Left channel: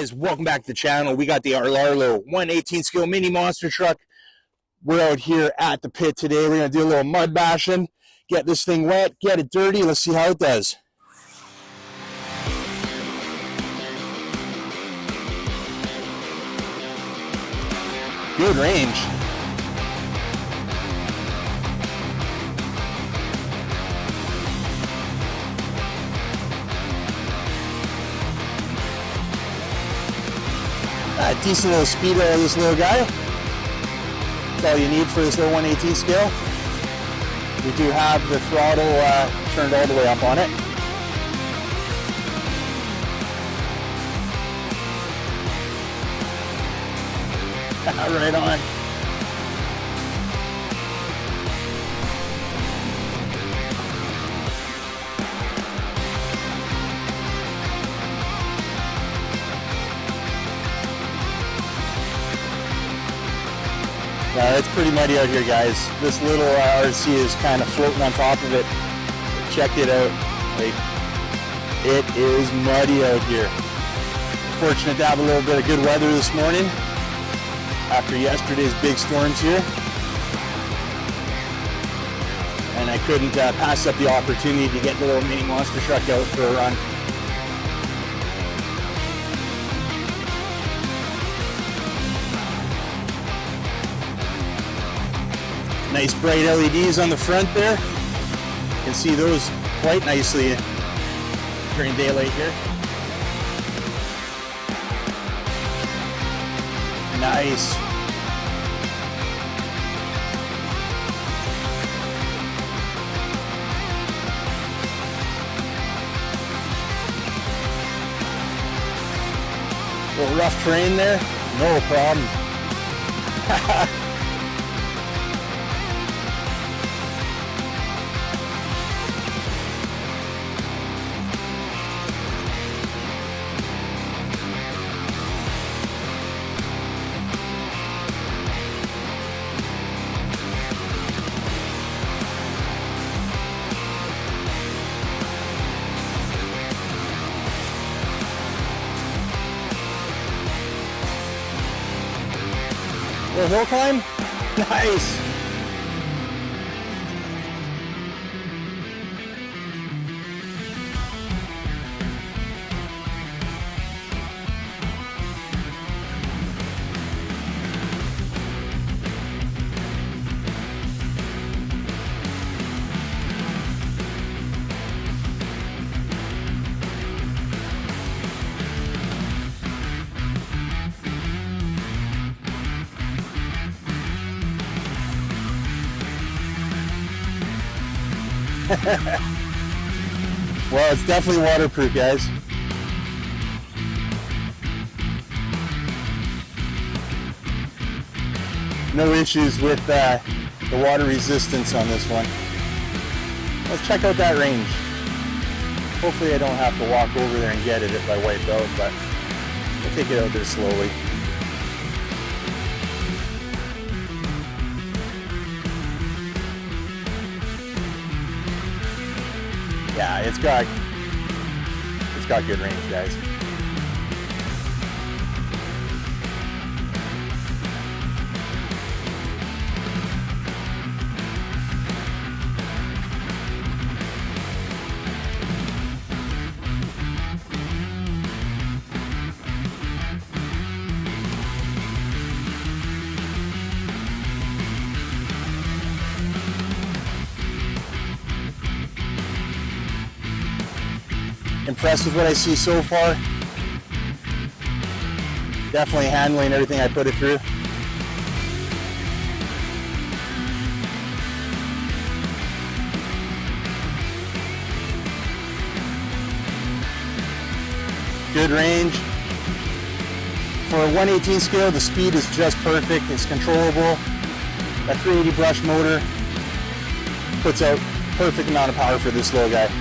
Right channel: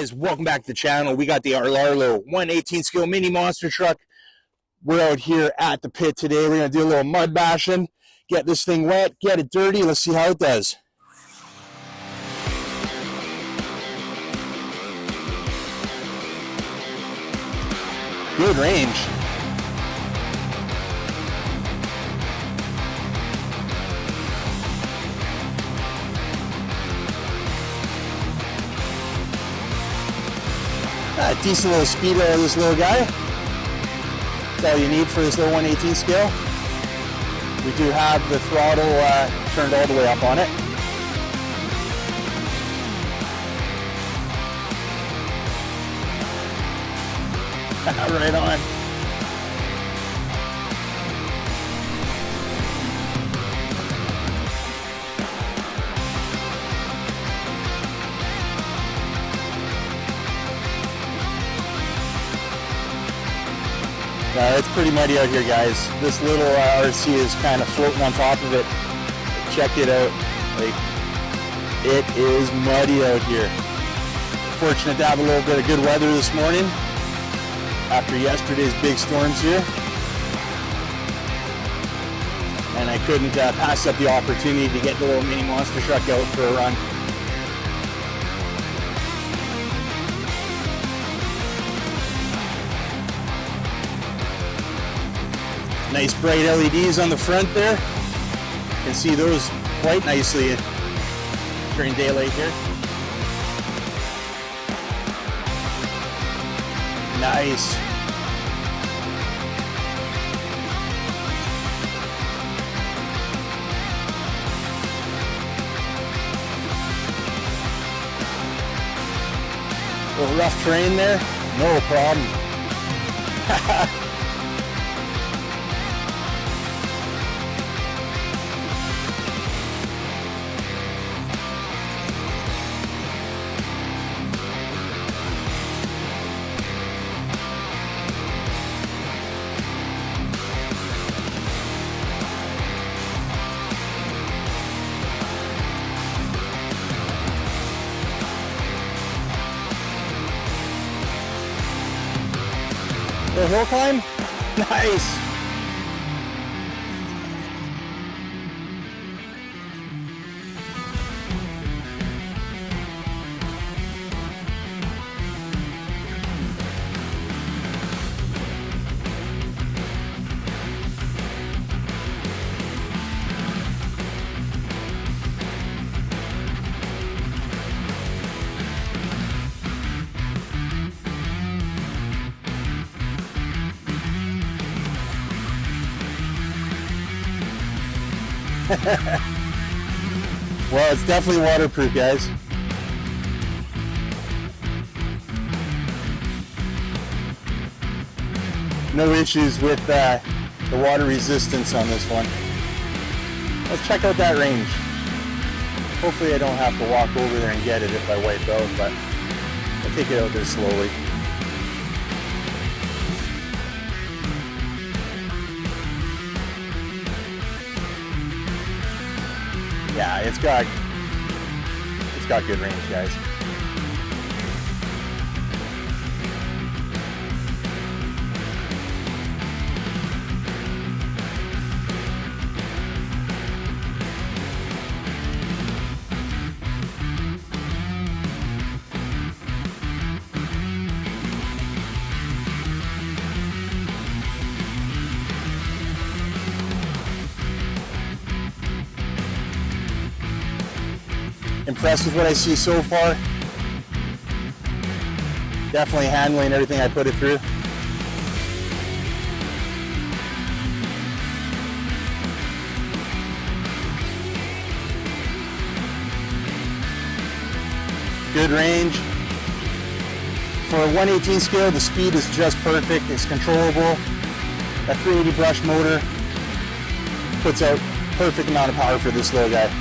guys, welcome back to the channel. We got the Arlarlo 118 scale mini monster truck. We're out here at the pit today. We're going to do a little mud bashing, get this thing wet, get it dirty. Let's see how it does. Good range. Decent little speed out of this little guy. That's all you need for this little 118 scale. We do have the throttle turned all the way up on it. Right on. It's pretty muddy out here, guys. This little RC is kind of floating on top of it. Check it out. Like, it is muddy out here. Fortunate to have a little bit of good weather this morning after yesterday's big storms here. And I couldn't pass up the opportunity to get the little mini monster truck out for a run. Nice bright LEDs on the front there. You can see those quite nicely during daylight here. Nice. A little rough terrain there, no problem. Little hill climb? Nice! Well, it's definitely waterproof, guys. No issues with the water resistance on this one. Let's check out that range. Hopefully I don't have to walk over there and get it if I wipe out, but I'll take it out there slowly. Yeah, it's got good range, guys. Impressed with what I see so far. Definitely handling everything I put it through. Good range. For a 118 scale, the speed is just perfect. It's controllable. That 380 brush motor puts out perfect amount of power for this little guy.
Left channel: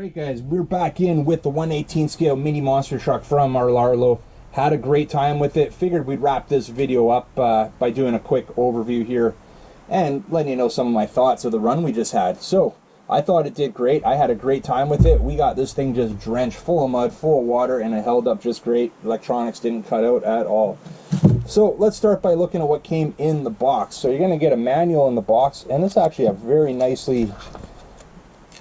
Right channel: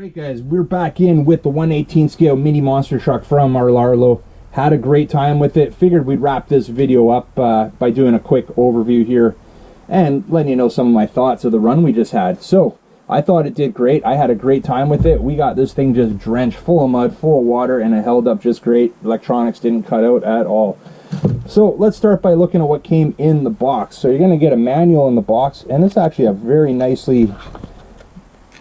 Alright guys, we're back in with the 118 scale mini monster truck from our Larlo. Had a great time with it. Figured we'd wrap this video up by doing a quick overview here and letting you know some of my thoughts of the run we just had. So, I thought it did great. I had a great time with it. We got this thing just drenched full of mud, full of water, and it held up just great. Electronics didn't cut out at all. So let's start by looking at what came in the box. So you're going to get a manual in the box, and it's actually a very nicely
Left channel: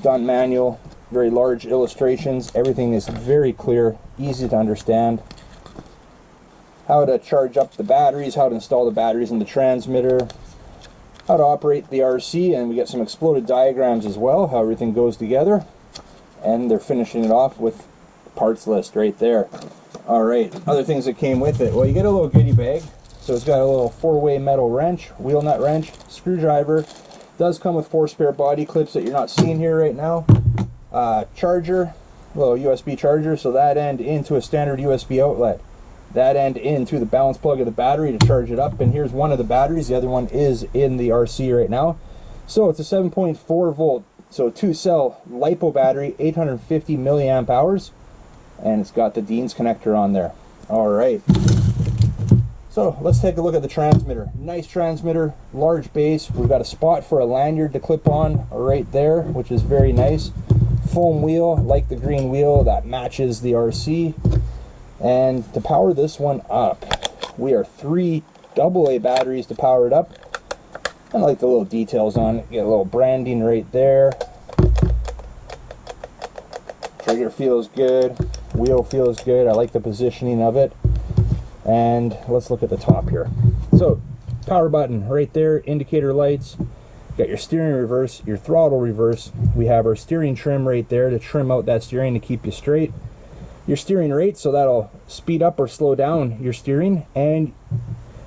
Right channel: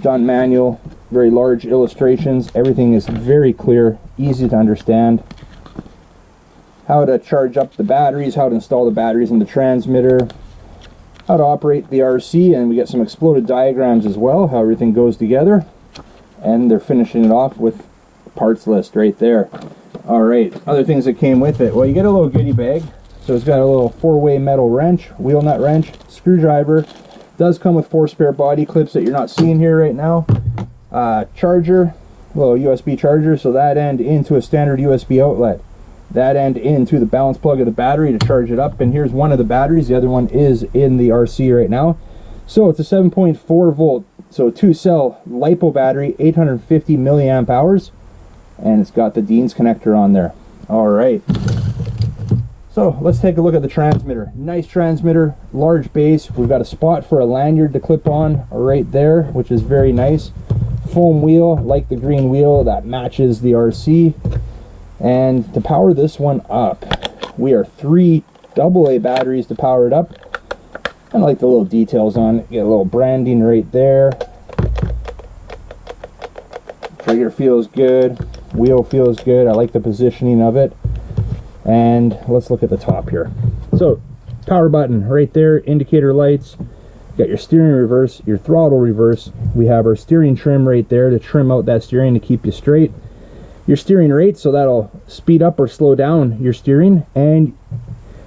done manual. Very large illustrations. Everything is very clear, easy to understand. How to charge up the batteries, how to install the batteries in the transmitter, how to operate the RC, and we get some exploded diagrams as well, how everything goes together. And they're finishing it off with parts list right there. Alright, other things that came with it. Well, you get a little goodie bag. So it's got a little 4-way metal wrench, wheel nut wrench, screwdriver. Does come with 4 spare body clips that you're not seeing here right now. Charger, little USB charger, so that end into a standard USB outlet. That end into the balance plug of the battery to charge it up, and here's one of the batteries. The other one is in the RC right now. So it's a 7.4 volt, so 2-cell LiPo battery, 850 milliamp hours, and it's got the Dean's connector on there. All right, so let's take a look at the transmitter. Nice transmitter, large base. We've got a spot for a lanyard to clip on right there, which is very nice. Foam wheel, like the green wheel, that matches the RC. And to power this one up, we are 3 AA batteries to power it up. I like the little details on it. Get a little branding right there. Trigger feels good. Wheel feels good. I like the positioning of it. And let's look at the top here. So, power button right there, indicator lights. Got your steering reverse, your throttle reverse. We have our steering trim right there to trim out that steering to keep you straight. Your steering rate, so that'll speed up or slow down your steering, and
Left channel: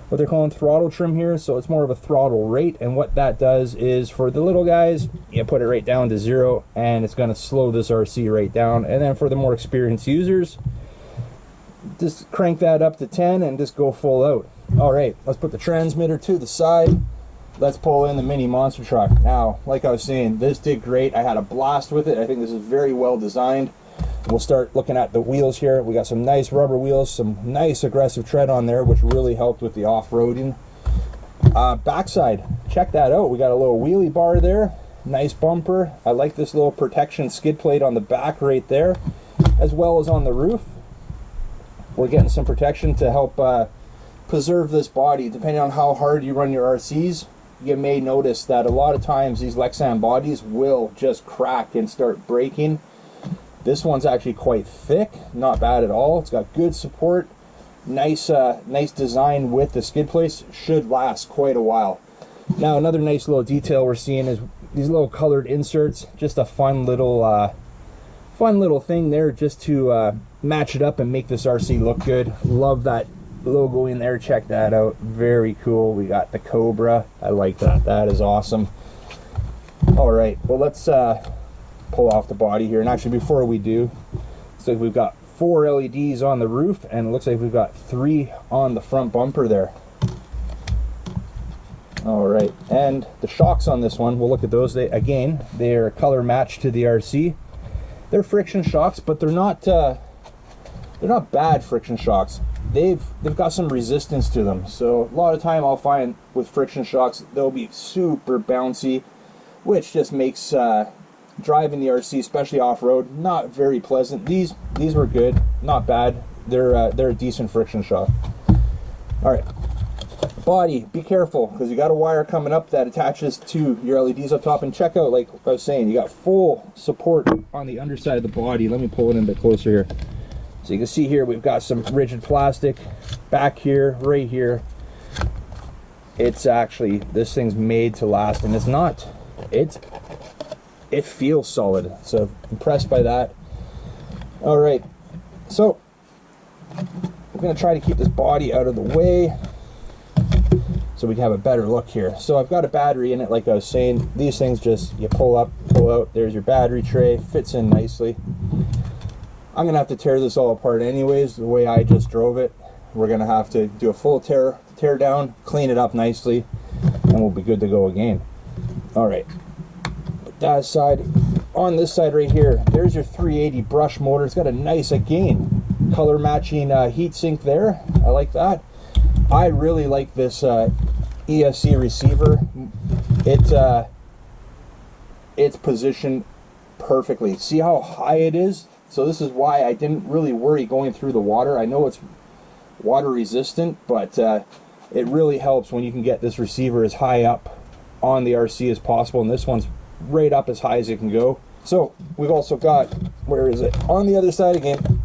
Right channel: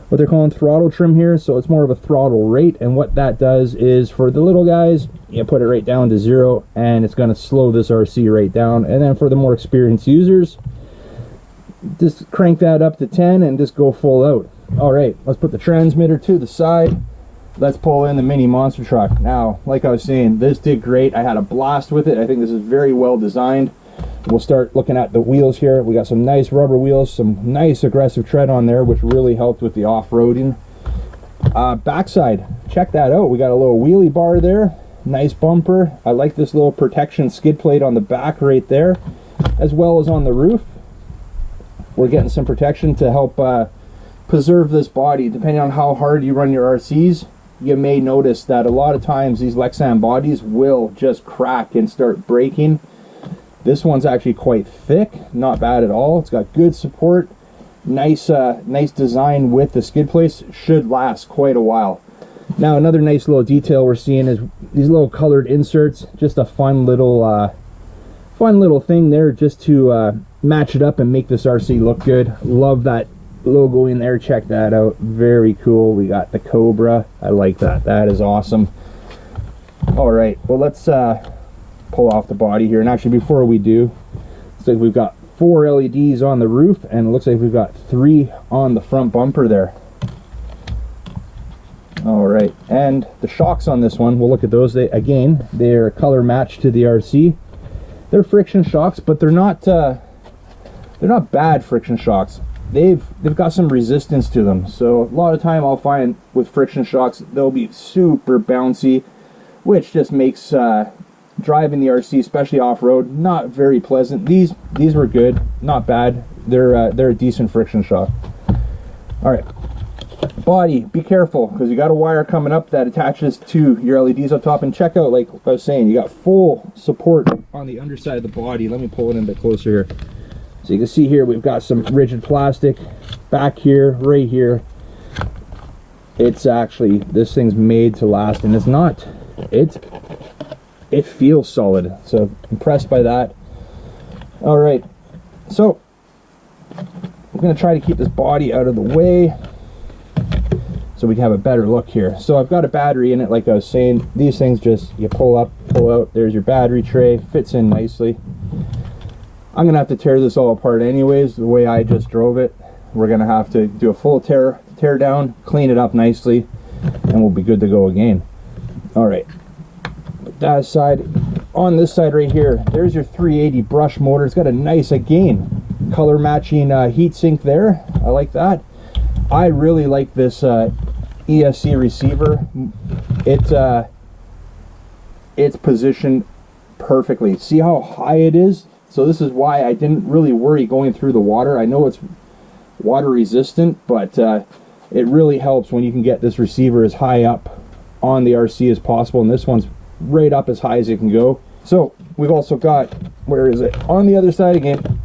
what they're calling throttle trim here, so it's more of a throttle rate, and what that does is for the little guys, you put it right down to 0 and it's going to slow this RC right down, and then for the more experienced users, just crank that up to 10 and just go full out. Alright, let's put the transmitter to the side. Let's pull in the mini monster truck. Now, like I was saying, this did great. I had a blast with it. I think this is very well designed. We'll start looking at the wheels here. We got some nice rubber wheels, some nice aggressive tread on there, which really helped with the off-roading. Backside, check that out. We got a little wheelie bar there, nice bumper. I like this little protection skid plate on the back right there, as well as on the roof. We're getting some protection to help preserve this body. Depending on how hard you run your RCs, you may notice that a lot of times these Lexan bodies will just crack and start breaking. This one's actually quite thick, not bad at all. It's got good support, nice design with the skid plates. Should last quite a while. Now another nice little detail we're seeing is these little colored inserts. Just a fun little thing there, just to match it up and make this RC look good. Love that logo in there. Check that out. Very cool. We got the Cobra. I like that. That is awesome. All right. Well, let's pull off the body here, and actually before we do, looks like we've got 4 LEDs on the roof, and it looks like we've got 3 on the front bumper there. All right, and the shocks on this one, we'll look at those. They're color matched to the RC. They're friction shocks, but they're not bad friction shocks. They've got some resistance to them, so a lot of time I'll find with friction shocks they'll be super bouncy, which just makes driving the RC, especially off-road, not very pleasant. These were good, not bad. They're a decent friction shock. All right, body, be careful, because you got a wire coming up that attaches to your LEDs up top. And check out, like I was saying, you got full support on the underside of the body. Let me pull it in a bit closer here. So you can see here we've got some rigid plastic back here, right here. It's actually, this thing's made to last, and it feels solid, so impressed by that. All right, so we're going to try to keep this body out of the way so we can have a better look here. So I've got a battery in it, like I was saying. These things just, you pull up, pull out. There's your battery tray, fits in nicely. I'm going to have to tear this all apart anyways, the way I just drove it. We're going to have to do a full tear down, clean it up nicely, and we'll be good to go again. All right. That aside, on this side right here, there's your 380 brush motor. It's got a nice, again, color matching heat sink there. I like that. I really like this ESC receiver. It's positioned perfectly. See how high it is? So this is why I didn't really worry going through the water. I know it's water resistant, but it really helps when you can get this receiver as high up on the RC as possible, and this one's right up as high as it can go. So we've also got, where is it? On the other side again,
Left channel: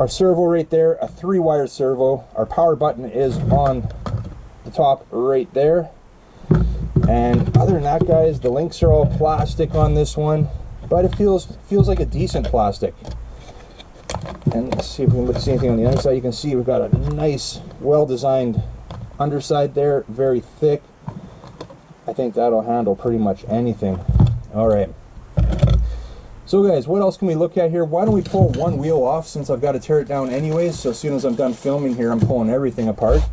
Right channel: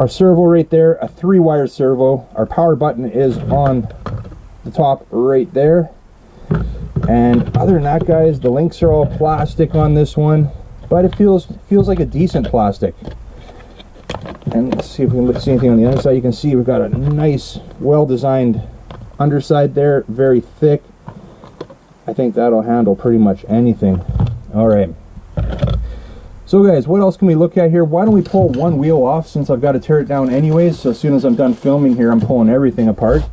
our servo right there, a 3-wire servo. Our power button is on the top right there. And other than that, guys, the links are all plastic on this one, but it feels like a decent plastic. And let's see if we can see anything on the other side. You can see we've got a nice, well-designed underside there, very thick. I think that'll handle pretty much anything. All right. So guys, what else can we look at here? Why don't we pull one wheel off, since I've got to tear it down anyways. So as soon as I'm done filming here, I'm pulling everything apart.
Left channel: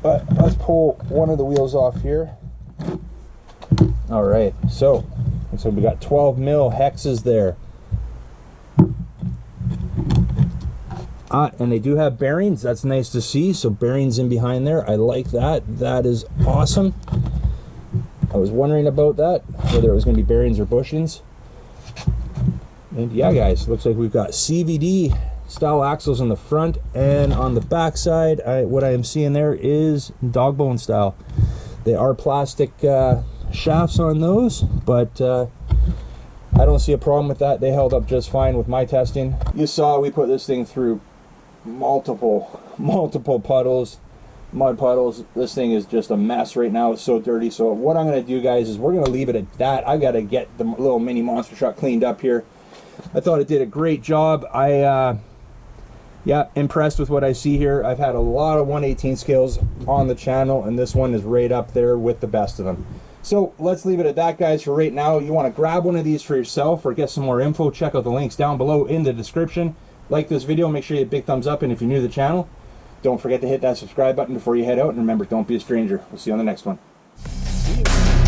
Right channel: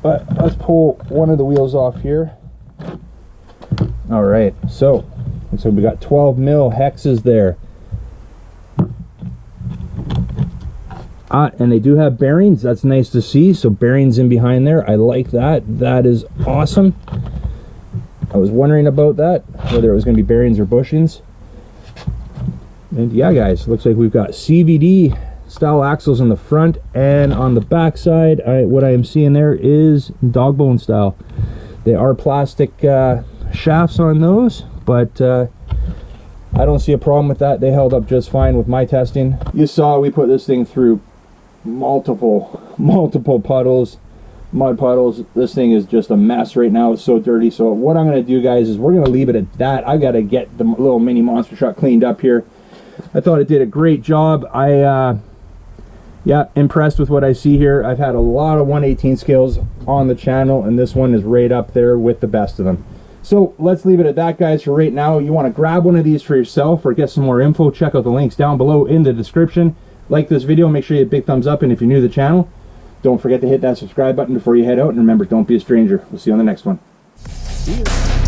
But let's pull one of the wheels off here. All right. So we got 12 mil hexes there. And they do have bearings. That's nice to see. So bearings in behind there. I like that. That is awesome. I was wondering about that, whether it was going to be bearings or bushings. And yeah, guys, looks like we've got CVD style axles in the front, and on the back side, what I am seeing there is dog bone style. They are plastic shafts on those, but I don't see a problem with that. They held up just fine with my testing. You saw we put this thing through multiple puddles, mud puddles. This thing is just a mess right now. It's so dirty. So what I'm going to do, guys, is we're going to leave it at that. I got to get the little mini monster truck cleaned up here. I thought it did a great job. Yeah, impressed with what I see here. I've had a lot of 1/18 scales on the channel, and this one is right up there with the best of them. So let's leave it at that, guys, for right now. You want to grab one of these for yourself or get some more info, check out the links down below in the description. Like this video, make sure you hit a big thumbs up, and if you're new to the channel, don't forget to hit that subscribe button before you head out, and remember, don't be a stranger. We'll see you on the next one. See you.